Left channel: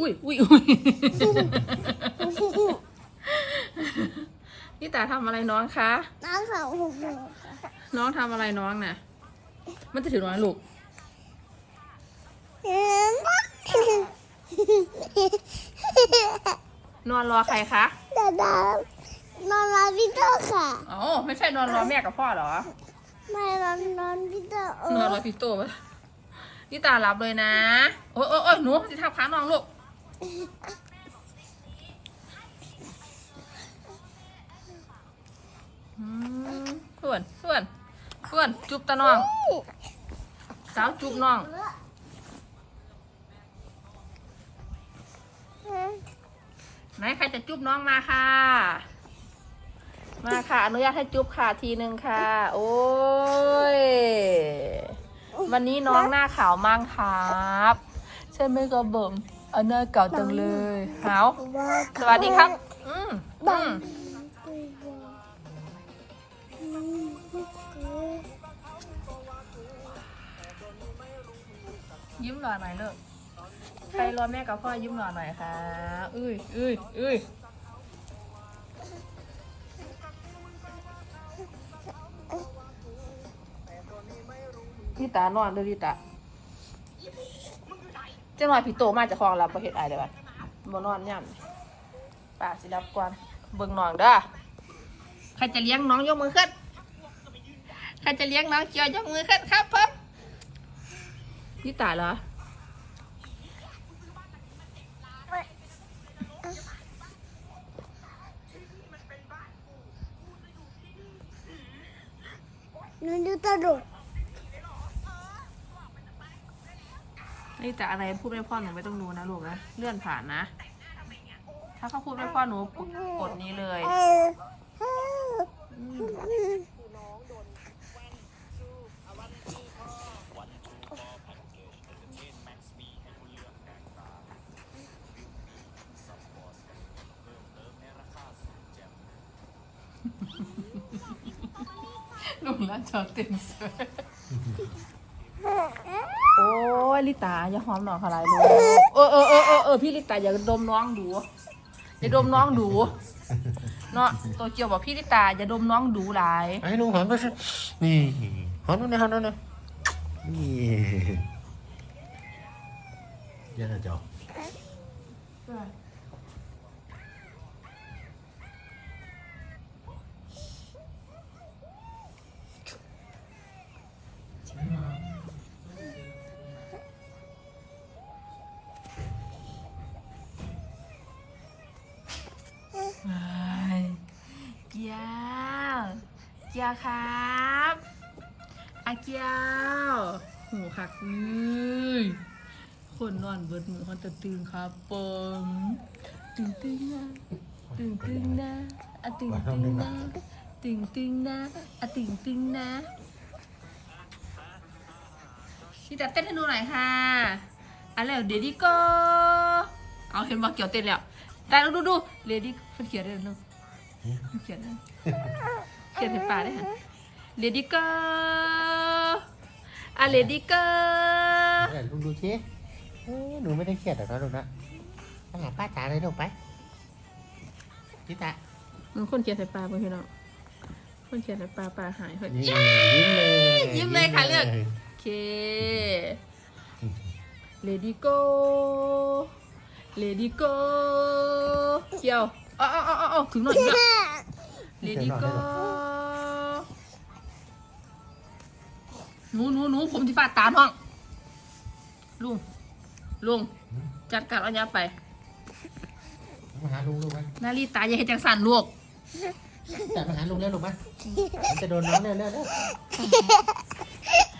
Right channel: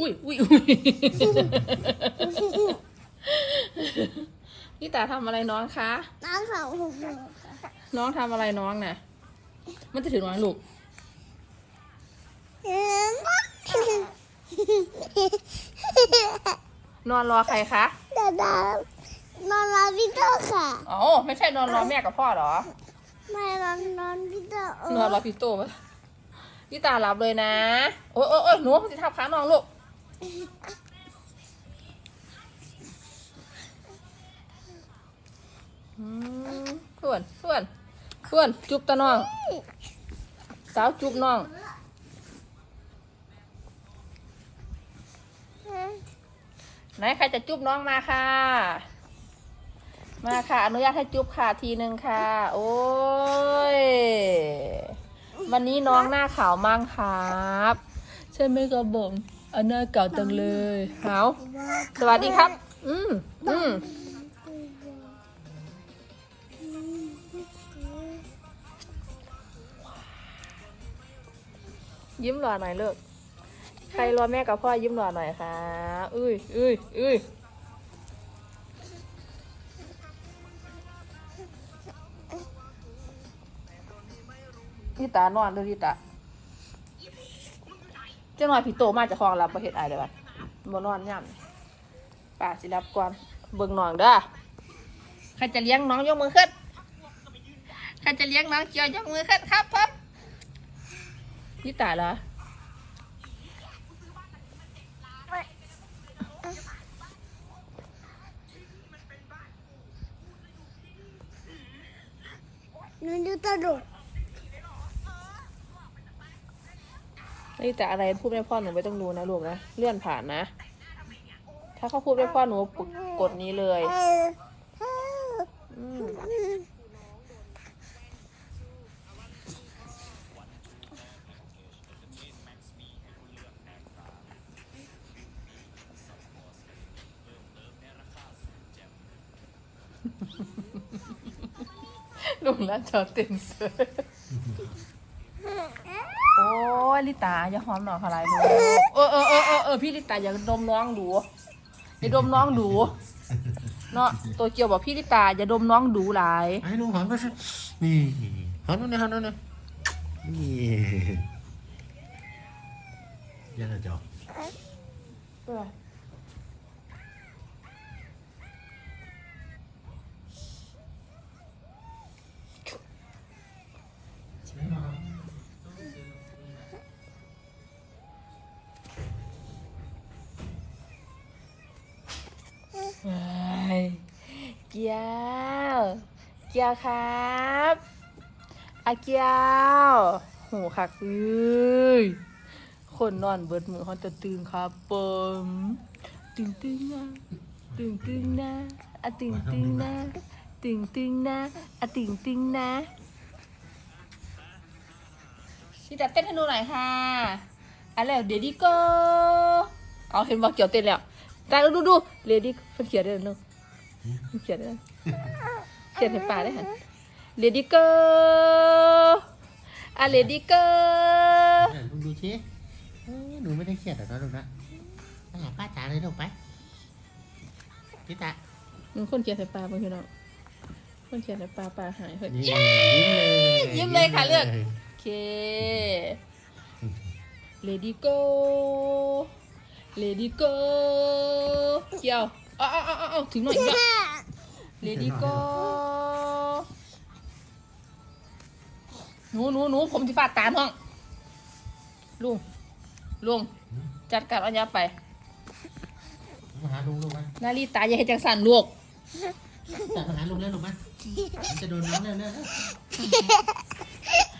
อุ้ยอุ้ยอุ้ยพี่ตาทำอะไรน้องคะ น้องของหกหนึ่งน้องทำอะไรน้องน่ะ มันจะถึงน้องลูกนอนรอใครคะดาดานอนรอพี่โตค่ะอ๋อไม่ใช่นอนรอแม่กับพ่อเหรอ ไม่นอนนอนพี่โตเอนอนรออพี่โตปะพี่ตาหลับเลยนะ โอ้ยโอ้ยโอ้ยหนูจะทับขาน้องลูกอืมเพื่นเพื่นเพื่นจุบตาน้อง สาวจุบน้องไหนใครจะจุบน้องมาค่ะ มาค่ะ อนุญาตให้จุบค่ะทีหนึ่งค่ะ โอ้ย วันนี้น้องหน้าขาวมากครับ ใช่ไหมกระเบิ่ม อาหน้าเก่าจังเลยขาวสวัสดีครับ อืมอืมยิ้มหล่อหน่อยลูกใครรอแม่กับพ่อยิ้มหล่อหน่อยค่ะอุ้ยอุ้ยอุ้ยพี่ตานอนดูพี่ตาเจ้าหน่อยพี่โตมาจากคลองรับประเทศไอเลยบ่นอนย่ำป่าสิรับก่อนเบิ่งน้องเด้อใครจะเลี้ยงน้องยกมือขึ้นใครจะเลี้ยงน้องเจียวยกมือขึ้นครับผมพี่ตาเหรอหนูดูตลก นี่แต่อะไรพูดไม่พ่อหนูไม่ต้องดูนะลูกนะเลื่อนผ่านนะ ถ้าเขาพูดไม่พ่อหนูกดกดนี้เลยเออเอออืมลุงน่าจะเต็มเสือโอ้ย ลิตาอย่าหอมหน่อยพลายดูเออเออเออเออเออพี่ลิตาอย่าดมน้องดูอย่าดมน้องดูเนาะตัวเกียวบอกพี่ลิตาอย่าดมน้องดูหลายไอ้หนูหอมด้วยสินี่หอมด้วยนะหอมด้วยนะนี่ยันอะจ๊อ กียวเกียวครับอาเกียวโหคักเอ้ยคนนอนเบิดมือเขาจะตื่นครับเปิมตึงตึงนะตึงตึงนะอะตึงตึงนะตึงตึงนะอะตึงตึงนะพี่จัดเต้นให้ดูหน่อยค่ะอะแล้วเดี๋ยวดีก็เอาเห็นว่าเกี่ยวเต้นแล้วแต่ดูดูเลดี้เขาเขียนได้เลยเขา เขียนได้เขียนให้ป่าได้ค่ะเลดี้ก็อะเลดี้ก็เดี๋ยวลุงดูสิเอ้ยหนูไม่ได้เครียดหรอกนะลูกนะไปหาป้าจ๋าเลยลูกไปพี่ตามึงคนเขียนให้ป่าเพื่อนเราคนเขียนให้ป่าป่าหายเฮ้ยนี่ยิ้มเลยยิ้มเลยค่ะเลือกยโอเค Lady go Lady go เกี่ยวเอา เอาเอาเอาเอาถึงหน่อยเนี่ย Lady go หนูหนูหนูผมที่ฟาดตาน้อง ลุง ลุง จัดการเอัญญาไป มาหาลุงลูกไหมนาลีตาอย่าให้จังสันลูกจับมาหาลุงแล้วลูกไหมมันจะโดนน้องเร็วเร็วเร็ว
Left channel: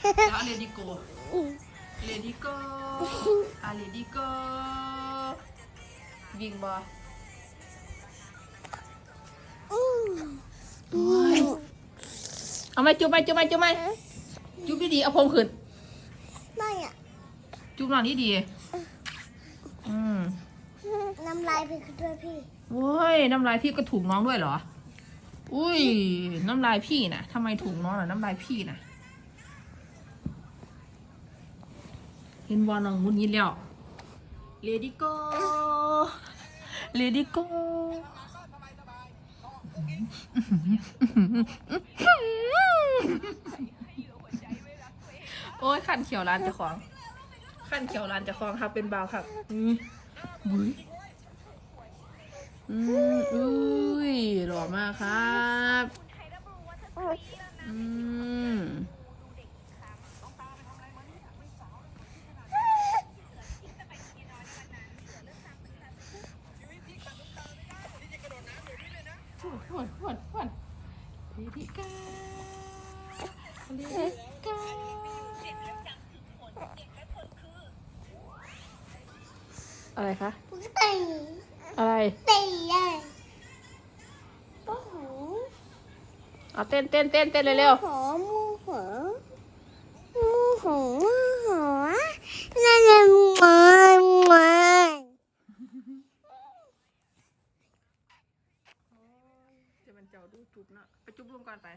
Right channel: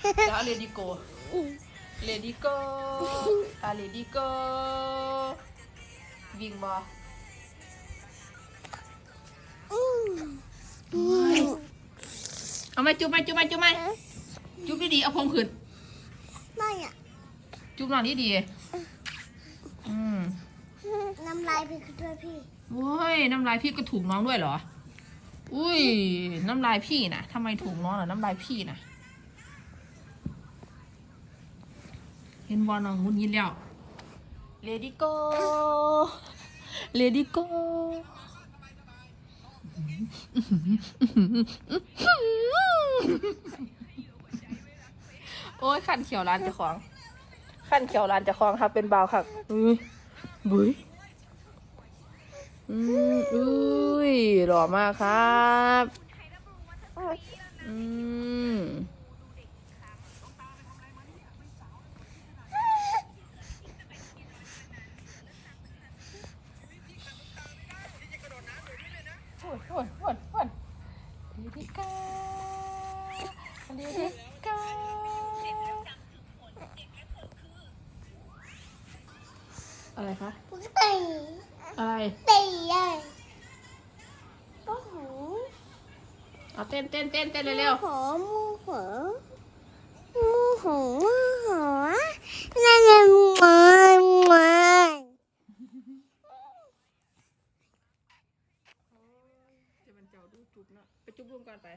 เดี๋ยวเลดี้โกเลดี้โกอะเลดี้โกวิ่งบอ เอาไหมจุ๊บไหมจุ๊บไหมจุ๊บไหมจุ๊บดีๆเอาพงขึ้นไม่อะจุ๊บนอนดีๆอืมน้ำลายไปคือด้วยพี่โอ้ยน้ำลายพี่ก็ถูกน้องด้วยเหรอ อุ้ย น้ำลายพี่นะทำไมถูกน้องเหรอน้ำลายพี่นะเห็นบอลน้องมุนยินแล้ว Lady go Lady go โโอ้ยขันเขียวร้านเจ้าของขันเขียวร้านเจ้าของครับเป็นเบาค่ะอุ้ยบุ้ยอืมอุ้ยหล่อมากครับอืม อะไรคะตีอะไรตีเลยก็หูเอาเต้นเต้นเต้นเต้นเร็วหัวมูหัวมูหัวมูหัวนั่นแหละมันมันๆจะมันเจ้าดูจุบเนาะไปจุบลุงก่อนไป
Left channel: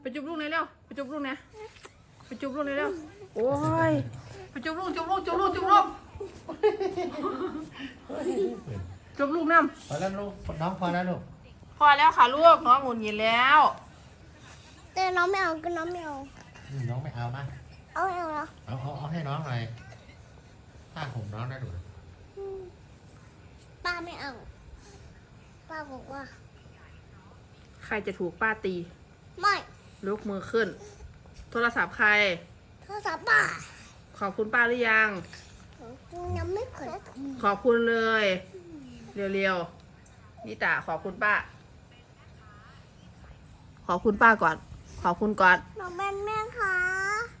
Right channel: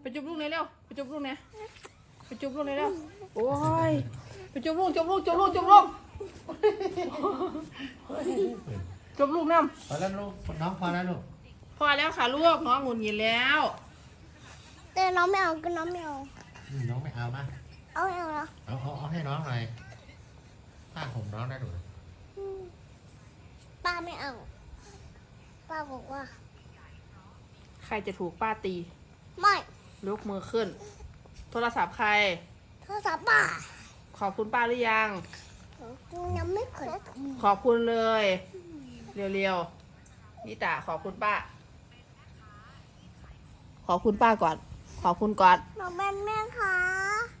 ไปจุบลุงเลยเร็วไปจุบลุงนะไปจุบลุงเลยเร็วโอ้ยไปจุบลุงจุบลุงจุบลุงจุบลุง จุบลุงน้พอแล้วลูกน้องพอแล้วลูกำพอแล้วค่ะลูกน้องหงุดหงิดแล้ว แต่น้องไม่เอาก็น้องไม่เอา อืมน้องไม่เอามาเอาไม่เอาแล้วเอาเอาเอาให้น้องหน่อยป้าผมน้องได้ดูอืมป้าไม่เอา ป้าบอกว่า ใครจะถูกป้าตีไม่ยกมือขึ้น โทรศัพท์ใคร โทรศัพท์ป้าขอบคุณป้าหรือยัง ยังไม่เคยขอบคุณเลย เร็วๆนิตาขอบคุณป้า ขอบคุณป้าก่อน ขอบคุณก่อนน้องเป็นแม่คะ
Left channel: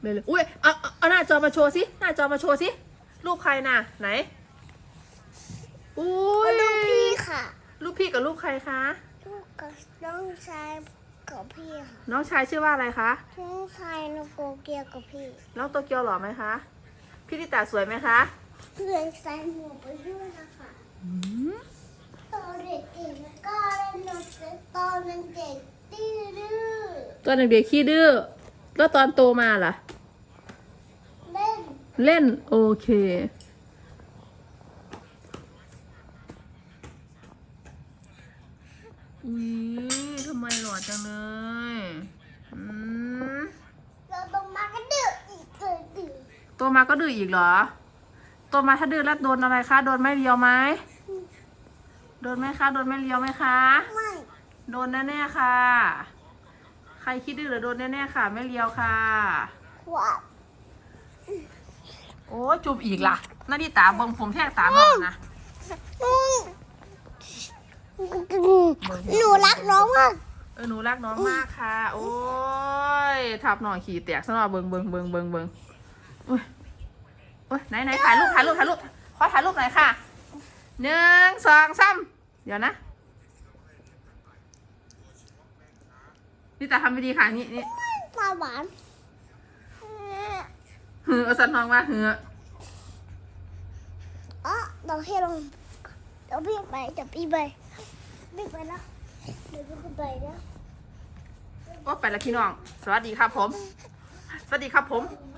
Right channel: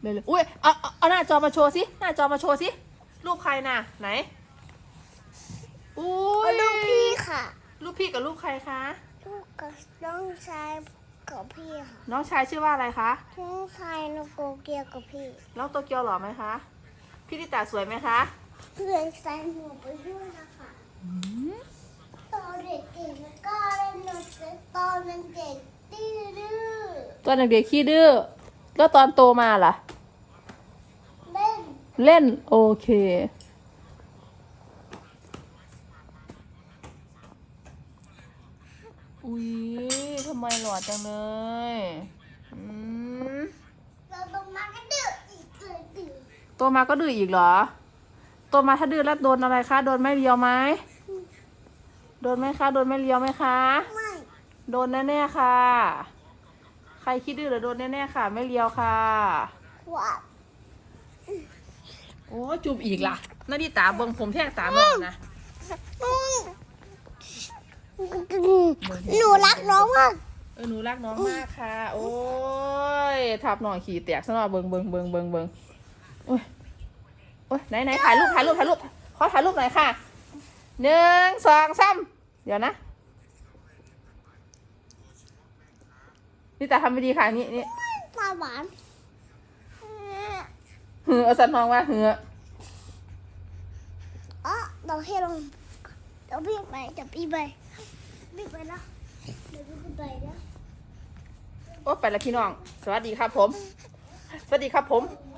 เร็วๆอุ้ยเอาเอาเอาหน้าจอมาโชว์สิหน้าจอมาโชว์สิรูปใครน่ะ ไหนอุ้ยลูกพี่ค่ะ รูปพี่กับรูปใครคะ ลูกกับน้องชายกับพี่ค่ะ น้องชายชื่อว่าอะไรคะน้องชายน้องโกเกียวกับพี่ น้องโตเกียวหล่อไหมคะ พี่นิตาสวยไหมคะเพื่อนใส่หมวกไปด้วยนะคะตอนเด็กๆก็เล่นดนตรีตอนเด็กๆดื้อตอนเด็กๆขี้ดื้อแล้วตอนโตมาล่ะๆเล่น เล่นโอเค อุ๊ยทำไมหล่อจังเลย อืมเราต้องมากันดื้ออีกเลยดื้อ โตมาก็ดื้ออีกเหรอ โตมาถ้าดื้อแล้วโดนอะไรคะ โดนไม่เลียวไหม โดนไหมคะ โดนไม่เลียวไหมคะ ไม่ โดนแน่ๆค่ะ ใครคิดดื้อหรือโดนแน่ๆค่ะ ไม่เลียวค่ะขวบโอ้ยจูบอีกล่ะนาดิตาเบิ่งผมแทกตาบอกนะ หนูรักน้องมาก เออหนูรักน้องมากค่ะ โอ้ยทับหน่อยขี่แตกซะหน่อยเบิงเบิงเบิงเบิงเบิง โอ้ยโอ้ยไหนไหนถ่ายรูปถ่ายรูปถ่ายรูปขอถ่ายรูปหน่อยค่ะหนึ่งสองสามเดี๋ยวนะนี่ตาทำไม่ดีค่ะนี่นี่ปลาหวานเหือเอาสันทองว่าเหืออ๋อเราให้ลงเดี๋ยวพี่ไปเดี๋ยวพี่ไปพี่ไปแล้วเดี๋ยวพี่ไปแล้วโอ้ไปแล้วพี่น้อง สวัสดีครับผม สวัสดีครับผมไ